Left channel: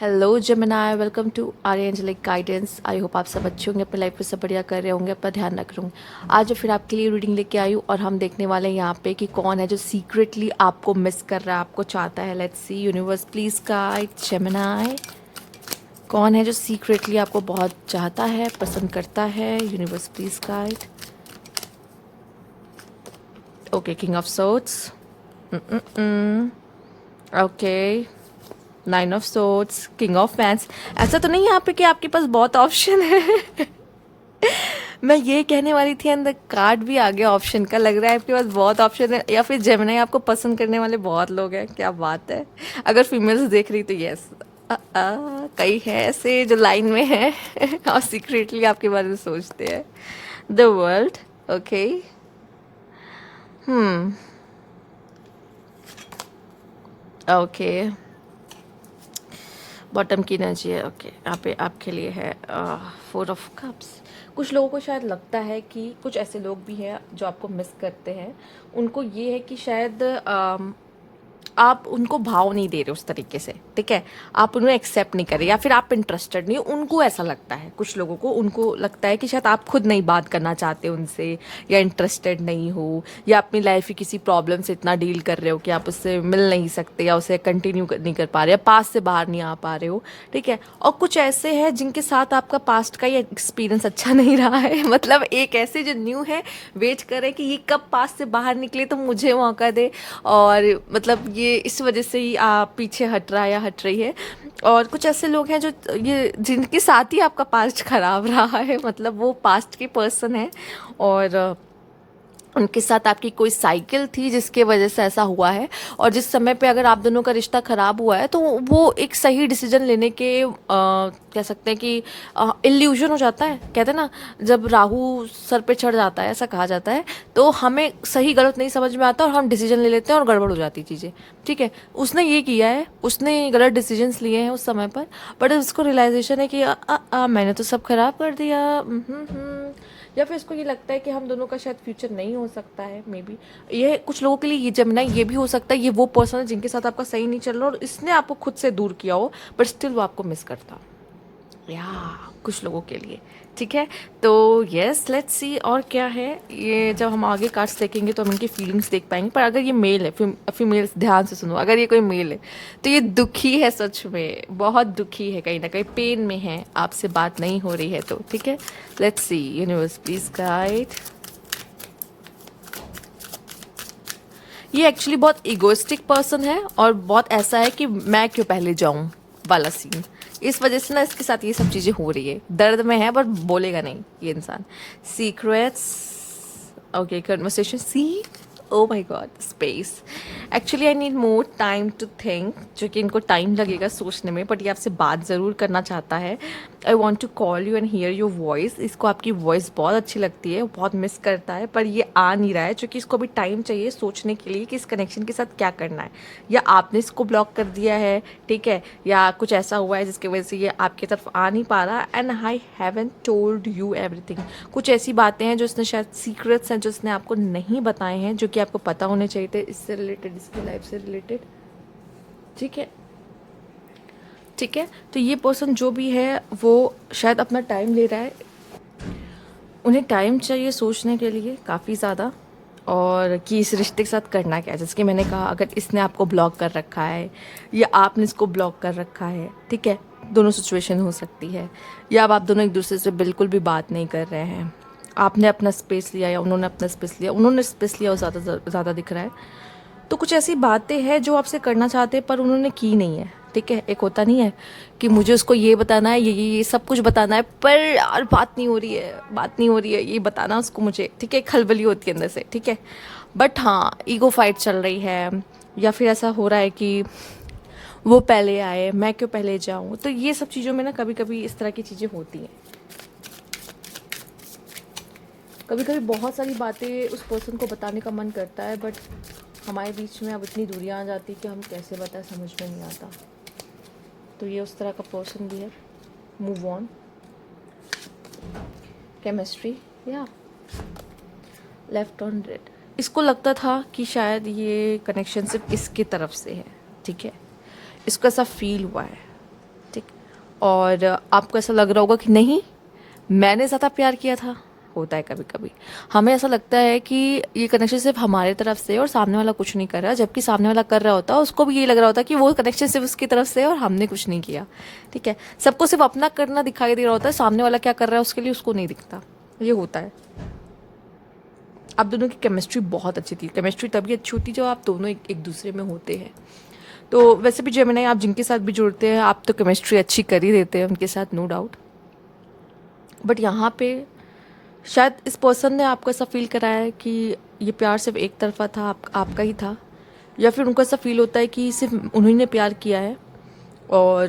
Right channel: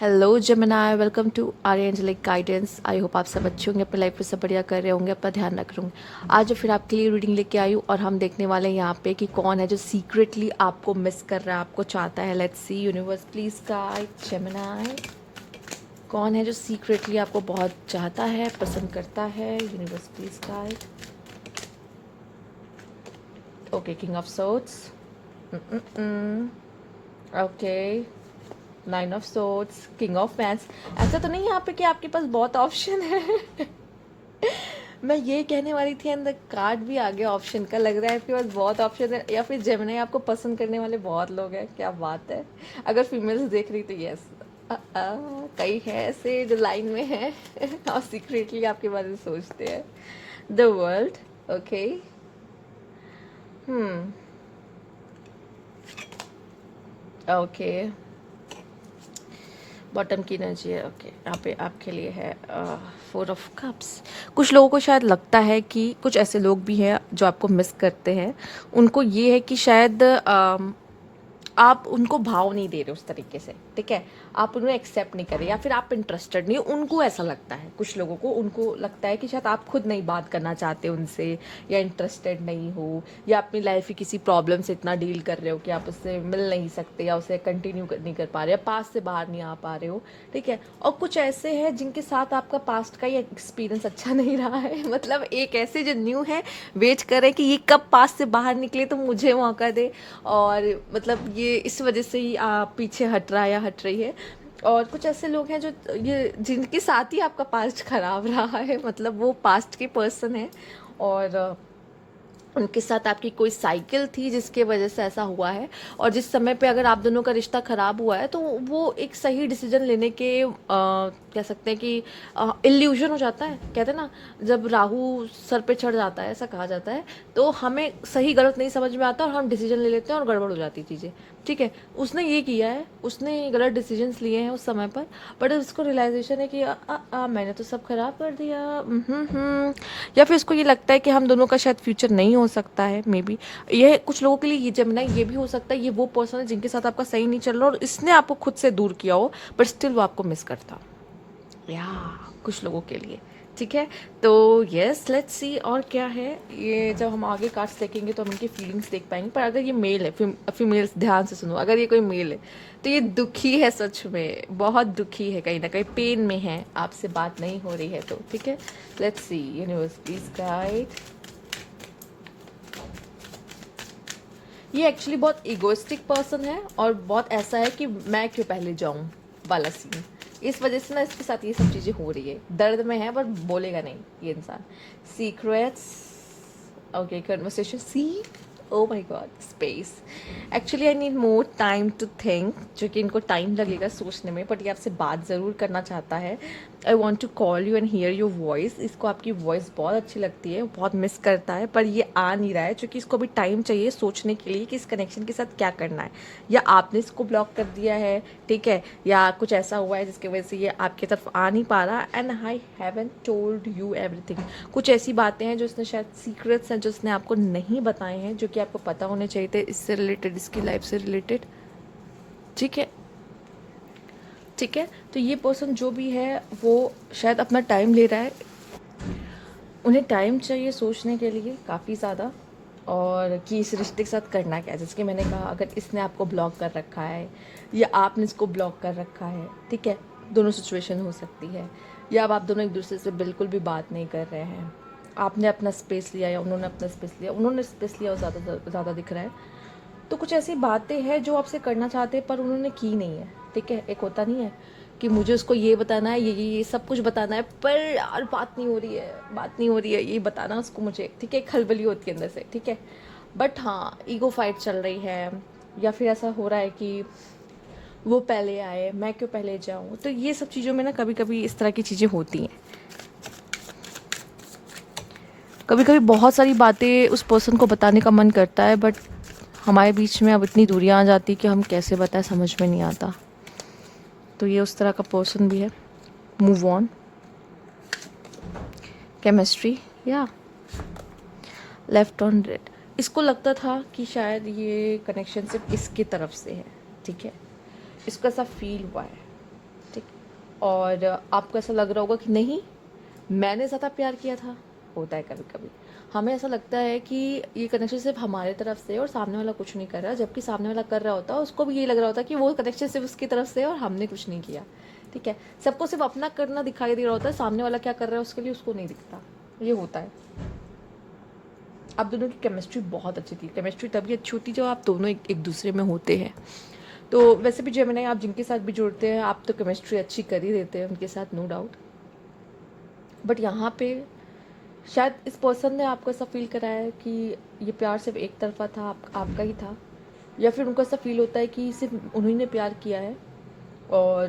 Hello Gemini, welcome to Arya angelic guidance. I hope आप सब अच्छे होंगे, अपनी लाइफ में सब बढ़िया कर रहे होंगे, अपना ध्यान रख रहे होंगे। आज फिर आपके लिए रीडिंग लेके आई हूँ और हम देखने वाले हैं यहाँ पे कि कौन है जो सीक्रेटली आपको मिस कर रहा है, आपको चाहता है। Let's see, universe please guide Gemini. कौन है जो सीक्रेटली आपको बहुत चाहता है, पसंद करता है? Universe please guide. Okay, king of swords. Okay, nine of swords, king of fans. ऐसा तो नहीं यहाँ पे कि आपके पास बहुत ऑप्शन है। मैं ये कहने वाली थी, अंदर कार्ड भी आ गया ऑप्शन का। लग रहा है आपके पास बहुत ऑप्शन है, या फिर जेमिनी आपको पसंद करने वाले बहुत लोग हैं। क्या बात है। अगर फीमेल्स देख रही तो यस, कई है ऐसे जो लाइन में है और सीक्रेटली आपके बारे में सोचते हैं। The world. Okay. Hmm. Okay, bottom की एनर्जी है। ओके, यहाँ पे आपके लिए है फोर ऑफ कप्स। कुछ लोगों को शायद लगता है कि कुछ ऐसे लोग भी हैं जो आपको मिस करते हैं। उनको ये है कि शायद आप उनको भाव नहीं दे रहे उस तरीके से, ठीक है। आप उन्हें एक्सेप्ट नहीं कर रहे, या फिर आप इंटरेस्टेड नहीं हो। उनको ऐसा लगता है, कुछ लोगों को उनको लगता है कि शायद आप खुद नहीं बात करना चाहते उनसे, या इंटरेस्टेड नहीं हो, या अपनी लाइफ की किसी प्रॉब्लम से इतना डील कर रहे हो कि आप उससे मिल नहीं सकते, या उसे कंटिन्यू नहीं कर पा रहे, या पास्ट से बाहर नहीं आ पा रहे हो, ठीक है। और कुछ ऐसे हैं जिनके साथ आपका पास्ट का ये एक्सपीरियंस अच्छा नहीं रहा है। मतलब एक ऐसे जो न्यू है, वेट कर रहे हैं कि ये कब पास्ट से बाहर निकले तो मुझे मौका दे। और मतलब ये इस वजह से ही आप पीछे हट रहा है या हट रही है। और कुछ ऐसे लोग हैं जो ये जिनके साथ ही आपका पास्ट खराब रहा है, मतलब वो पास्ट के पर्सन है, और उनके साथ आपकी कोई साइकिल थी जिसके वजह से ऐसा हुआ है। और जिस समय पे अगर आप दोनों का रिश्ता ख़राब हुआ है तो वो एक सही डिसीजन लेने के कह सकते हैं कि इल्यूजन हो जाता है। कहते हैं ना, जब राहु सर पे चढ़ जाता है, ऐसा कहा जाता है, तो हमें सही गलत नहीं समझ में आता और हम डिसीजन ले लेते हैं और गड़बड़ हो जाती चीज़ें, ठीक है। उसने ये किया है, उसने गलत डिसीजंस लिए हैं उस समय पर, बट उसको रियलाइजेशन है कि मैंने तो सब खराब कर दिया। या फिर उसको ये लगता है कि हम दोनों का शायद फ्यूचर नहीं हो सकता है। मे बी ये कुछ लोगों के लिए ये जमना ये भी हो सकता है, ये वो पर्सन है जिनके साथ आपका सही नहीं चल रहा और इसने आपको खुद से दूर किया हो, बट स्टिल वो आपको मिस करता, या कुछ लोगों के लिए, ठीक है। तो यस, लेट्स सी और क्या है ये। जब हम आगे कार्ड्स देखेंगे तो हम इनकी फीलिंग्स देख पाएंगे। पर अगर ये मेल है, फीमेल्स ध्यान से सुनो, अगर ये कोई मेल है तो ये दुखी है, सच में बहुत दुखी है, कहीं ना कहीं पेन में है, आपसे बात नहीं हो रही है तो, ठीक है। Let's see, universe please guide. ये एक्चुअली बहुत इगोइस्टिक पर्सन है और बहुत ऐसा है कि मैं क्यों पहले जाऊं वाला सीन। इस वजह से ना इसके साथ ये सब चीज़ें हो रही है। दर्द में है पर बोलेगा नहीं ये इंसान। Secrets. Okay, conversation see. Oh my god, space. Actually I need more time to think, जो कि इनको टाइम लगेगा सोचने में, बट ये आपसे बात ज़रूर करना चाहता है। I want to call you and hear your voice. इसको आपकी वॉइस बहुत अच्छी लगती है, बहुत मिस करता है, पर ये आ नहीं रहा है क्योंकि इसको अभी टाइम चाहिए सोचने के लिए कि इस कनेक्शन के साथ क्या करना है। या आपने इसको ब्लॉक कर दिया है, ठीक है, या कुछ ऐसा हुआ है जिसकी वजह से ये आपकी तरफ आ नहीं पा रहा। And I haven't told you everything. कुछ ऐसी बातें हैं जो इसने शायद सीक्रेट्स हैं जो इसने आपको नहीं बताए हैं, जो कि आपको पता होने चाहिए थे, इससे रिलेटेड, इसकी लाइफ से रिलेटेड, ठीक है। ठीक है, तो ये पर्सन जो भी है वो शायद अपना टाइम ले रहा है। उन्हें टाइम चाहिए सोचने के लिए काफ़ी ज़्यादा, और कि इस रिश्ते के साथ करना क्या है। जैसे कि मैंने कहा, अगर इसने आपको ब्लॉक कर रखा है या आपने इसको ब्लॉक कर रखा है, ठीक है, दोनों सिचुएशन हो सकती है। या अब आप दोनों एक दूसरे से बिल्कुल भी बात नहीं कर रहे हैं, आपने अपना स्पेस लिया या उन्होंने अपना स्पेस लिया, उन्होंने स्पेस लिया और ज़्यादा दिख रहा है। तो कुछ ऐसी बातें हैं जो आपसे करना चाहते हैं पर उन्होंने की नहीं है, ठीक है। एक होता नहीं है कि मुझे उसको ये बताना है, ये सब कुछ बताना है, पर यार बात नहीं हो रही है, बात नहीं हो रही है, ये बताना उसको मुझे, ठीक है। खलबली होती है अंदर से, ठीक है। बट हाँ, ईगो फाइट चल रही है, या फिर ऐसा हो रहा है कि वो पहले आए, मैं क्यों पहले जाऊँ। तो ये सब चीज़ों में ना कभी कभी इस तरह की चीज़ें होती हैं। कभी कभी बहुत सारी बातें उस पर्सन को बताने का मन करता है, बट हमारे बीच में अब इतनी दूरियां आ जाती कि हम कैसे बताएं, समझ में नहीं आता। तो ये उस तरह का पर्सन भी है। मूव ऑन, केमिस्ट्री, या लेफ्ट ऑन रेड। इसको लगता था कि शायद ये कनेक्शन सिर्फ इसके तरफ से है, ठीक है। इसको ऐसा फील हुआ है, ठीक और आपको ऐसा लग रहा होगा कि नहीं, मैंने ज़्यादा प्यार किया था। होता है कभी कभी, हमें ऐसा लगता है कि ये कनेक्शन सिर्फ हमारे तरफ से है और सामने वाला कुछ नहीं कर रहा, जबकि सामने वाला कर रहा होता है, उसको भी ये लग रहा होता है कि वो कनेक्शन सिर्फ उसकी तरफ से है और हमने कुछ नहीं किया। ठीक है, सबको सिर्फ अपना करना दिखाई दे रहा होता है, सामने वाला क्या कर रहा है उसके लिए उसको नहीं दिखता। ये होता है। आप दोनों की केमिस्ट्री बहुत अच्छी थी। केमिस्ट्री तभी अच्छी होती है जब आप दोनों एक दूसरे में होते हैं। तो वैसे भी जेमिनी, आप जिनके साथ भी जुड़ते हैं आप तो केमिस्ट्री अच्छी कर ही देते हैं उनके साथ, नो डाउट। बट यहाँ पे शायद इस पर्सन ने आपको ऐसा फील कराया है कि ये प्यार सिर्फ एक तरफा था, आपका ही था, या फिर उनको ऐसा फील होता है कि सिर्फ उन्होंने प्यार किया है और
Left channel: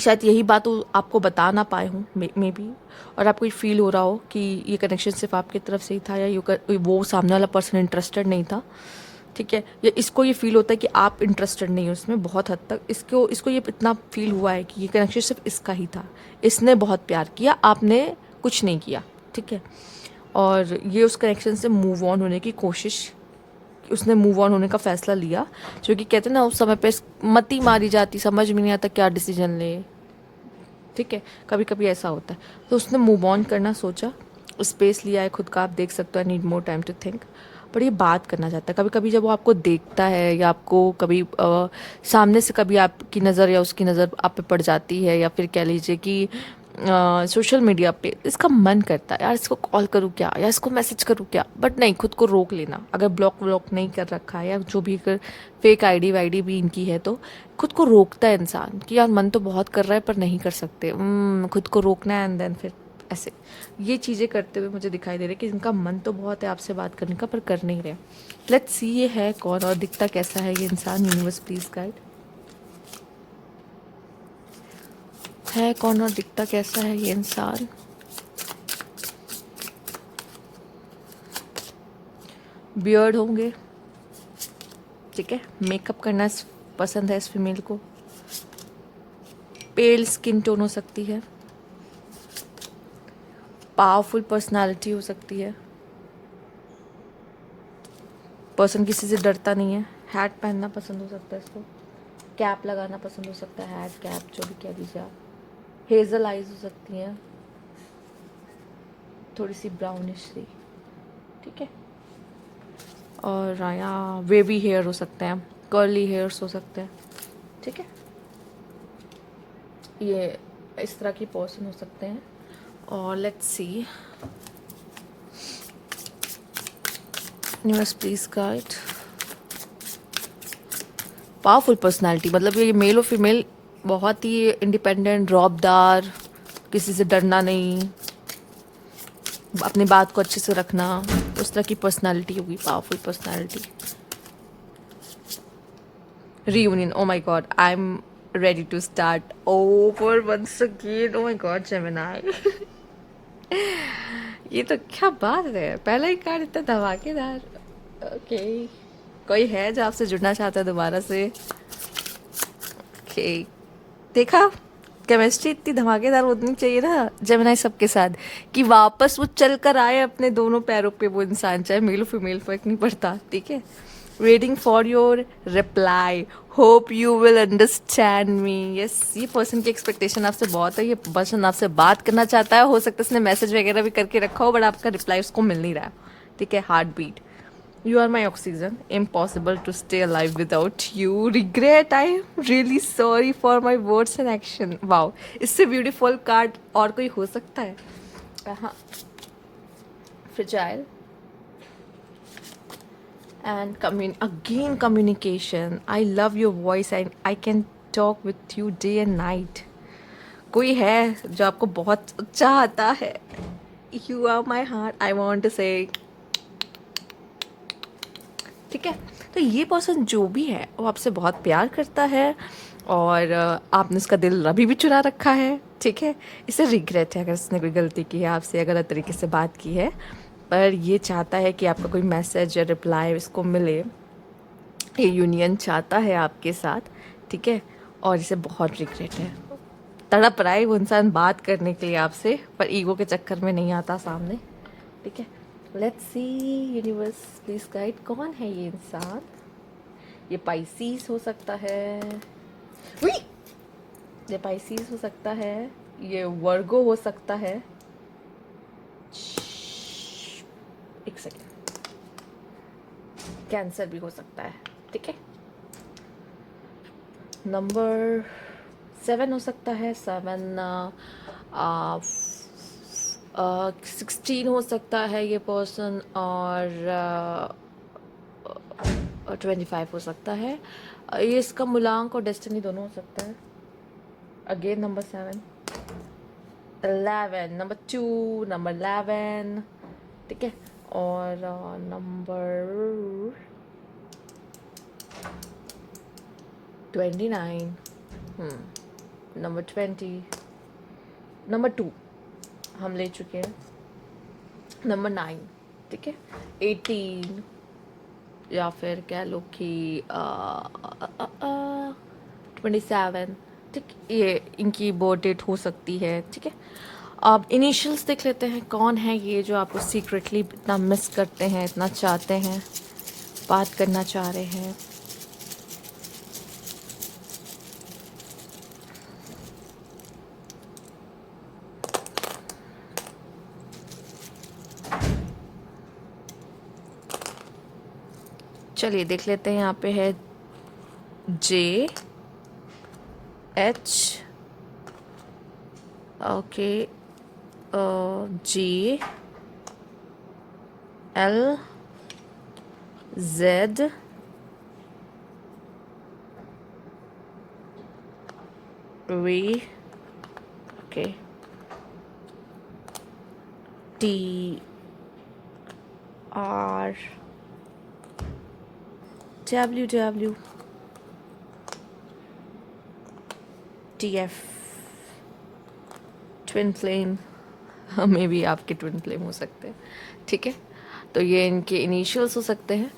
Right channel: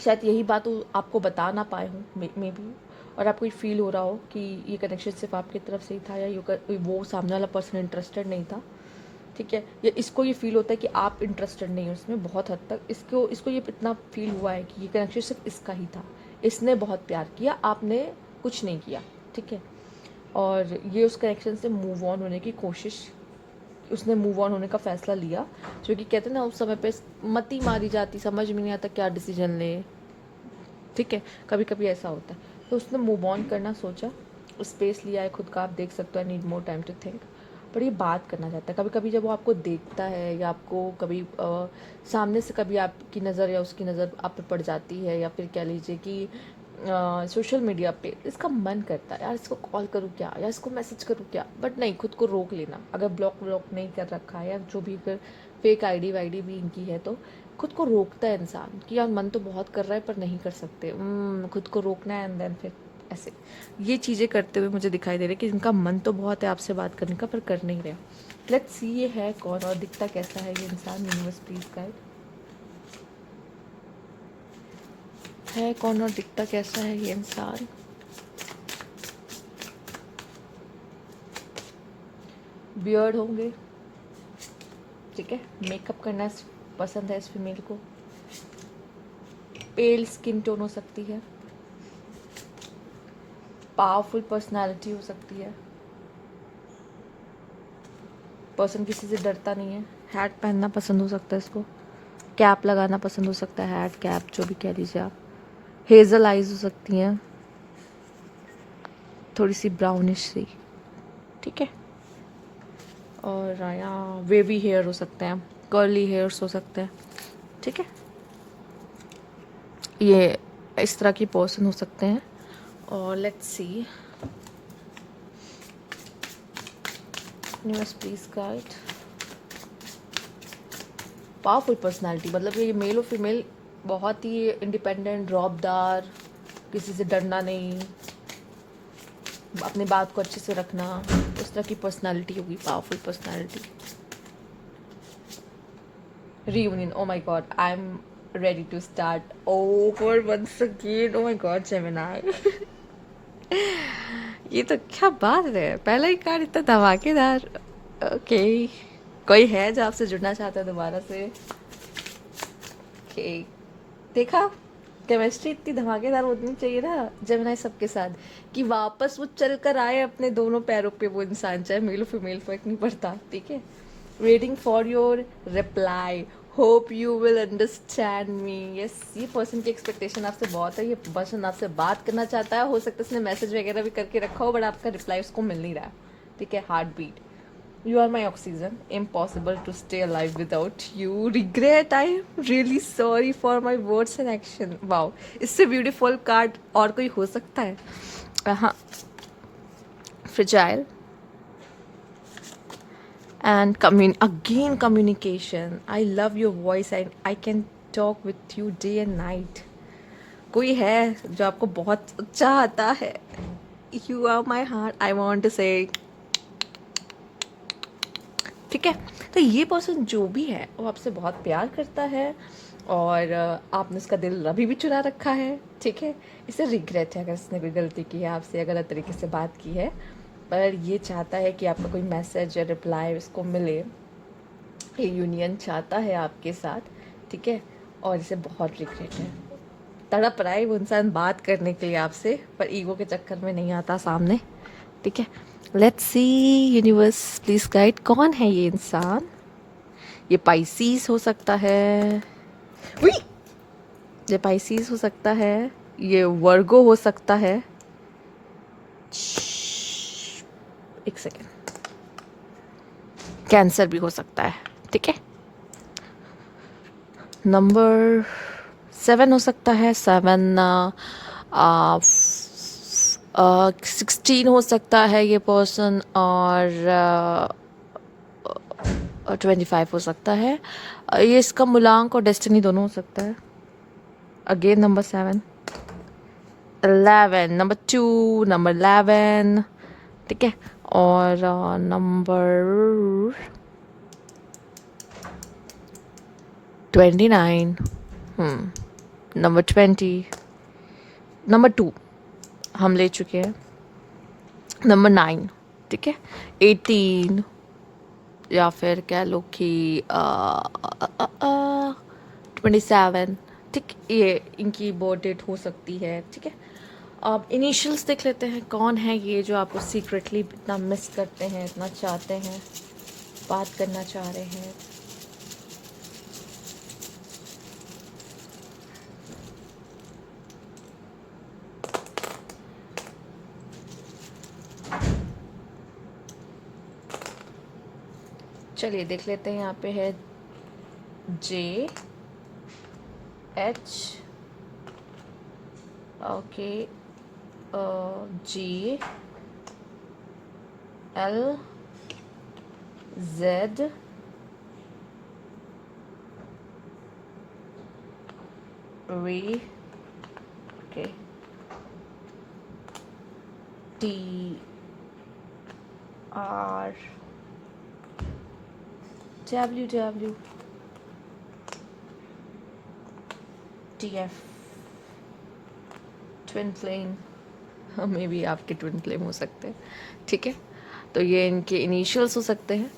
शायद यही बात वो आपको बता ना पाए हों मे बी, और आपको ये फील हो रहा हो कि ये कनेक्शन सिर्फ आपकी तरफ से ही था या वो सामने वाला पर्सन इंटरेस्टेड नहीं था। ठीक है, या इसको ये फील होता है कि आप इंटरेस्टेड नहीं हो उसमें बहुत हद तक। इसको ये इतना फील हुआ है कि ये कनेक्शन सिर्फ इसका ही था, इसने बहुत प्यार किया, आपने कुछ नहीं किया। ठीक है, और ये उस कनेक्शन से मूव ऑन होने की कोशिश, उसने मूव ऑन होने का फ़ैसला लिया। जो कि कहते हैं ना, उस समय पे मती मारी जाती, समझ में नहीं आता क्या डिसीजन ले। ठीक है, कभी कभी ऐसा होता है। तो उसने मूव ऑन करना सोचा, स्पेस लिया है खुद का, आप देख सकते हो, need more time to think. पर ये बात करना चाहता है। कभी कभी जब वो आपको देखता है या आपको कभी सामने से कभी आपकी नज़र या उसकी नज़र आप पे पड़ जाती है, या फिर कह लीजिए कि सोशल मीडिया पे, इसका मन करता है यार इसको कॉल करूँ क्या, या इसको मैसेज करूँ क्या, बट नहीं, खुद को रोक लेना। अगर ब्लॉक नहीं कर रखा है या जो भी, अगर फेक आईडी वाईडी भी इनकी है तो खुद को रोकता है इंसान कि यार मन तो बहुत कर रहा है पर नहीं कर सकते, खुद को रोकना है। एंड देन फिर ऐसे ये चीज़ें करते हुए मुझे दिखाई दे रहा है कि इनका मन तो बहुत है आपसे बात करने का पर कर नहीं रहे। लेट्स सी ये है कौन और दिखता कैसा है ये इंसान। यूनिवर्स प्लीज गाइड, है कौन और दिखता कैसा है ये इंसान। बियर्ड होंगे, ठीक है, मेकअप करना पसंद है इस फीमेल को, पेल स्किन टोन हो सकती है, पावरफुल पर्सनालिटी हो सकती है, पर्सन किसी से डरता नहीं है, हैट पहनना पसंद हो सकता है इसको, कैप लगाना पसंद हो सकता है, हैट कैप जो भी कह लीजिए आप, हेजल आइज हो सकती हैं, थोड़ी सी ब्राउनिश सी, ठीक है, और आया वेवी हेयर हो सकते हैं, कर्ली हेयर्स हो सकते हैं, ठीक है, ये इस तरह की पर्सन हो सकते हैं। और let's see, universe please guide, powerful personality, मतलब ये मेल और फीमेल बहुत ही इंडिपेंडेंट, रौबदार, किसी से डरना नहीं, अपनी बात को अच्छे से रखना, उस तरह की पर्सनालिटी होगी, powerful personality. Reunion, oh my god, I'm ready to start over once again, oh my god Gemini। ये तो क्या बात है, पहला ही कार्ड इतना धमाकेदार। ओके, कोई है जो आपसे जुड़ना चाहता है दोबारा से। ओके, देखा, केमिस्ट्री इतनी धमाकेदार होनी चाहिए ना जेमिनी सबके साथ कि वापस वो चल कर आए अपने दोनों पैरों पे वो इंसान, चाहे मेल फीमेल फर्क नहीं पड़ता। ठीक है, waiting for your reply, hope you will understand me. Yes, ये पर्सन की एक्सपेक्टेशन आपसे बहुत है, ये पर्सन आपसे बात करना चाहता है, हो सकता है उसने मैसेज वगैरह भी करके रखा हो बट आपका रिप्लाई उसको मिल नहीं रहा है। ठीक है, heart beat, you are my oxygen, impossible to stay alive without you, regret, I am really sorry for my words and action। wow, इससे ब्यूटीफुल कार्ड और कोई हो सकता है। हाँ, fragile and again communication, I love your voice and I can talk with you day and night। कोई है जो आपको बहुत चाहता है, you are my heart, I want to say। ठीक है, तो ये पर्सन जो भी है वो आपसे बहुत प्यार करता है और आपने उसका दिल अभी भी चुरा रखा है। ठीक है, इसे रिग्रेट है अगर उसने कोई गलती की है, आपसे गलत तरीके से बात की है, पर ये चाहता है कि आपका कोई मैसेज या रिप्लाई इसको मिले, ये यूनियन चाहता है आपके साथ। ठीक है, और इसे बहुत रिग्रेट है, तड़प रहा है वो इंसान बात करने के लिए आपसे, पर ईगो के चक्कर में नहीं आता सामने। ठीक है, let's see, universe please guide, कौन है ये इंसान। ये पाइसीस हो सकता है, ये पाइसिस हो सकता है, ये वर्गो हो सकता है, एक सेकेंड, कैंसर भी हो सकता है, ठीक है। नंबर 7 हो सकता है, 7 16 हो सकता है ये पर्सन, और 25 हो सकता है। ये इसका मूलांक और डेस्टिनी दोनों हो सकता है। अगेन नंबर 7, 11, नंबर 2, नंबर 11, ठीक है। और नंबर 29, नंबर 20, नंबर 2 हम ले चुके हैं, नंबर 9, ठीक है, 18, या फिर कह लो कि 27, ठीक, ये इनकी बर्थ डेट हो सकती है, ठीक है। अब इनिशियल्स देख लेते हैं, कौन है ये जो आपको सीक्रेटली इतना मिस करते हैं, इतना चाहते हैं, बात करना चाह रहे हैं। चलिए देख लेते हैं, यहाँ पे है JH, okay, GLZ, V, okay, TR, WW, TF, twin flame, may be आपके ट्विन फ्लेम हो सकते हैं, ठीक है। तो ये इनके इनिशियल्स हो सकते हैं,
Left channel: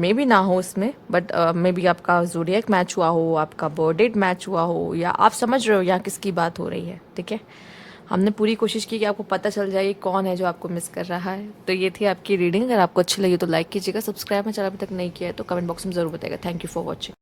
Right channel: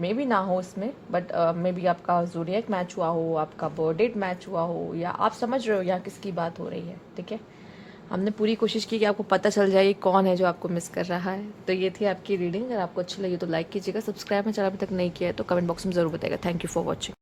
मे बी ना हो इसमें, बट मे बी आपका ज़ोडिएक मैच हुआ हो, आपका बर्थ डेट मैच हुआ हो, या आप समझ रहे हो यहाँ किसकी बात हो रही है, ठीक है। हमने पूरी कोशिश की कि आपको पता चल जाए कौन है जो आपको मिस कर रहा है। तो ये थी आपकी रीडिंग। अगर आपको अच्छी लगी तो लाइक कीजिएगा, सब्सक्राइब मेरा चैनल अभी तक नहीं किया है तो कमेंट बॉक्स में ज़रूर बताइएगा। Thank you for watching.